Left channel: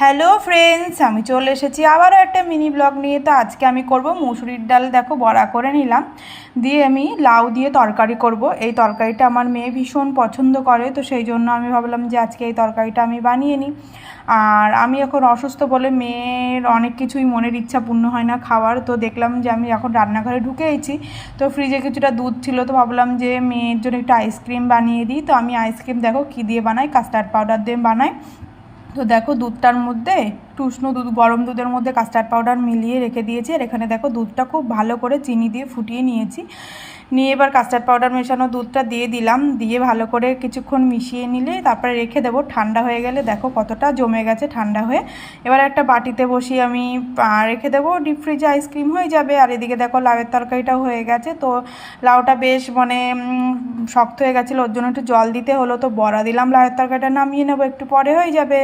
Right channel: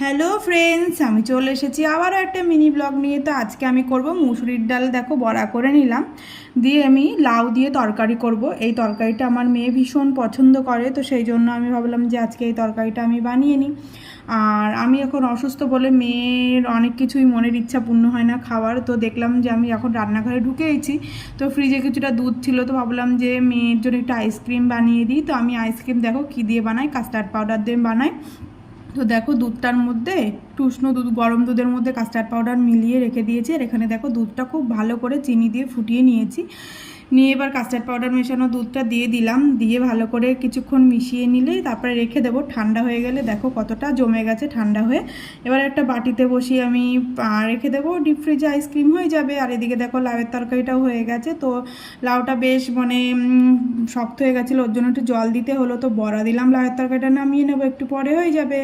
Hello friends, আমি চলে এসেছি আবারও একটা মিনি ব্লগ নিয়ে। তো আজকে আমি করব মুসুরির ডাল, দেখো বড়া করে নিলাম, দিয়ে আমি লাউ দিয়ে তরকারি করব। এই তরকারিটা আমার মেয়ে ভীষণ পছন্দ করে, তো সেই জন্য আমি ভাবলাম যে আজকে এই তরকারিটা আমি বানিয়ে নিই। আর আমি এখন অসুস্থ বলে মেয়ের অনেক কিছুই মনের ইচ্ছা পূর্ণ হয় না খাওয়ার, তো দেখলাম যে আমি এখন রান্নাঘরে ঢুকে গেছি, তো ফ্রিজে কিছুটা দুধ ছিল, তো ভাবলাম যে মেয়ের জন্য একটু আইসক্রিম বানিয়ে দিই। তো আমি আইসক্রিম দেখো কী দিয়ে বানাই, কাস্টার্ড পাউডার দিয়ে বানাই। তো দেখো দুধটার মধ্যে একটু উষ্ণ দুধ, গরম দুধের মধ্যে কাস্টার্ড পাউডার মিলিয়ে রেখে দিয়েছি। আর এখানে দেখো দুধটা খুব ভালো করে চিনি দিয়ে ফুটিয়ে নিয়েছি। নিয়ে এবার কাস্টার্ড পাউডার মেশানো দুধটা দিয়ে দিলাম, দিয়ে ভালো করে কিছুক্ষণ মিশিয়ে নিলে তারপরে রেখে দেবো। ঠান্ডা হয়ে গেলে দেখো কতটা জমে গেছে ঠান্ডা হয়ে। এবার একটা বাটিতে বসিয়ে আমি রেখে দেবো, ডিপ ফ্রিজে আইসক্রিম হয়ে যাবে। আর এদিকে দেখো লাউয়ের তরকারিটাও হয়ে গেছে। তো লাউটা বেশ শক্ত হয়ে গেছিলো, ওর জন্য একটু জল দিতে হলো, তো বড়া দিলাম। লাউয়ের তরকারিটা নামিয়ে নেবো, একটু পরে হয়ে যাবে।